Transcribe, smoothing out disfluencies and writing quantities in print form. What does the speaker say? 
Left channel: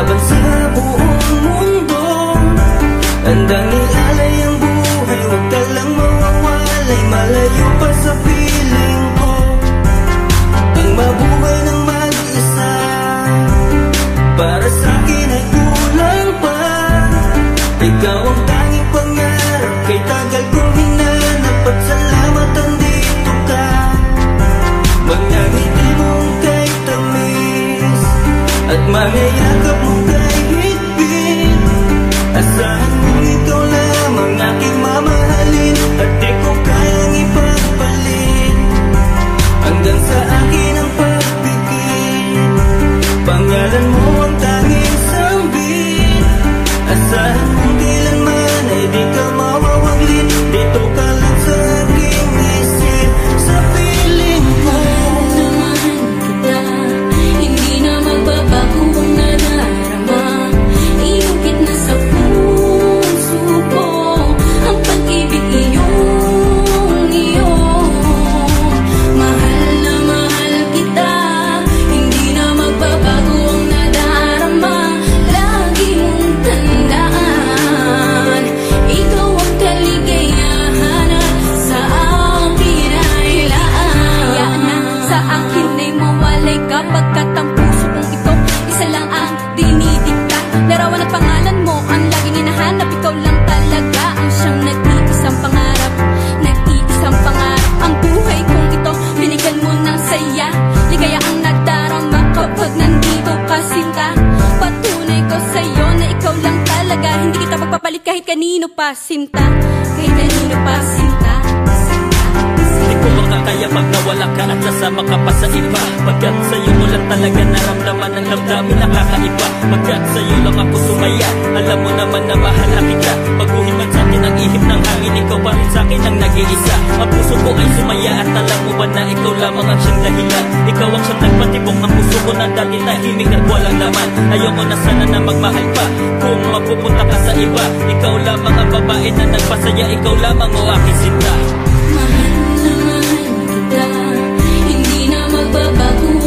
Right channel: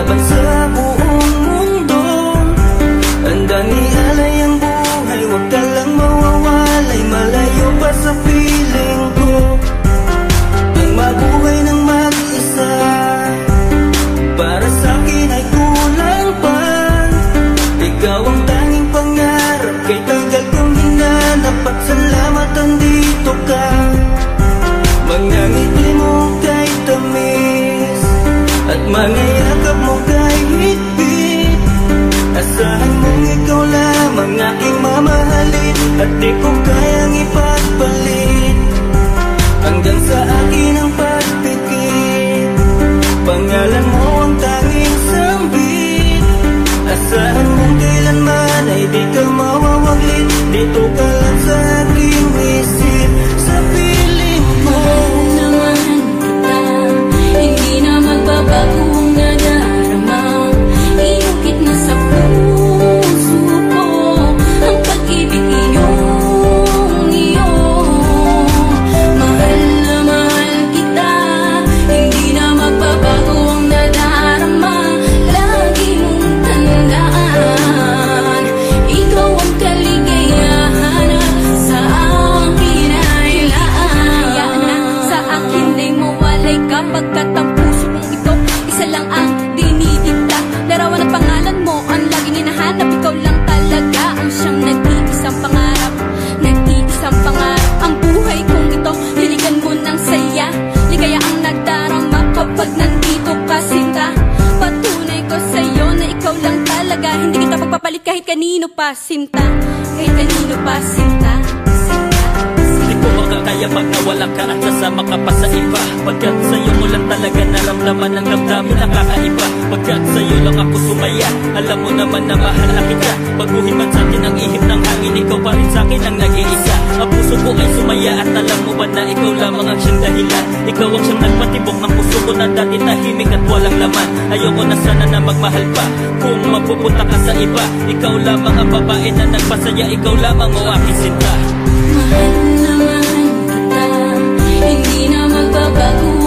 laban sa buong mundo. Handang ialay ang buhay, huwag ka lang mawawalay, malayo pa sa piling ko. Ang mabuhay ng mag-isa, para sa'kin ay kulang pa. Ikaw ang tanging pangarap, kay tagal kong hinanap, at salamat andito ka. Mga ngiti mong kay tamis, at mga yakap mong kay higpit. Asahan mong ikaw lamang aking mamahalin, at di ko kayang ipagpalit. Hanggang sa akin ang pagpikit, pangalan mo ang tanging sambit. Asahan mong kailanman ay di ka mawawaglit, dito ka lang sa aking isip, sa piling ko. Mahal kita, hindi na magbabago ang nadarama. Inukit na sa puso ko ang pag-ibig iyong iyo. Mahal na mahal kita, hindi na magbabago ang nadarama. Lagi mong tandaan, ikaw ang kaligayahan at sa akin ay laan. Sa akin ay mawalay kapagkat ang puso kong ito isa lang ang dinidikta. Larawan at pangalan mo ang laging hinahanap, ikaw lang talaga ang siyang nag-iisang pangarap. Nag-iisang pangarap ang buhay kong ito, binigyan mo ng saya. Ligaya ang nadarama kapag nandito ka, sinta. Patunay ko sa'yo na ikaw lang talaga, hindi kita pagpapalit kahit kanino pa, sinta. Kahit kanino pa, sinta. Di ko makakaya pag nawala ka at sasama ka pa sa iba. Pagkat sa'yo ko lang talaga naramdaman ang damdamin nakakaiba. Pagkat sa'yo lang ako sumaya, alam mo naman na mahal na kita. Baguhin man sa atin ang ihip ng hangin, ikaw pa rin sa'kin ang nag-iisa. Ang puso ko ay sumaya at alam mo ba na ikaw lamang ang siyang dahilan. Ikaw ang siyang nagpatibok ng puso ko na dati tahimik at walang laman. Ayoko na sana na magmahal pa kung mapupunta ka sa iba. Ikaw lamang ang babae na nagpasaya, ikaw lamang o aking sinta. Mahal na mahal kita, hindi na magbabago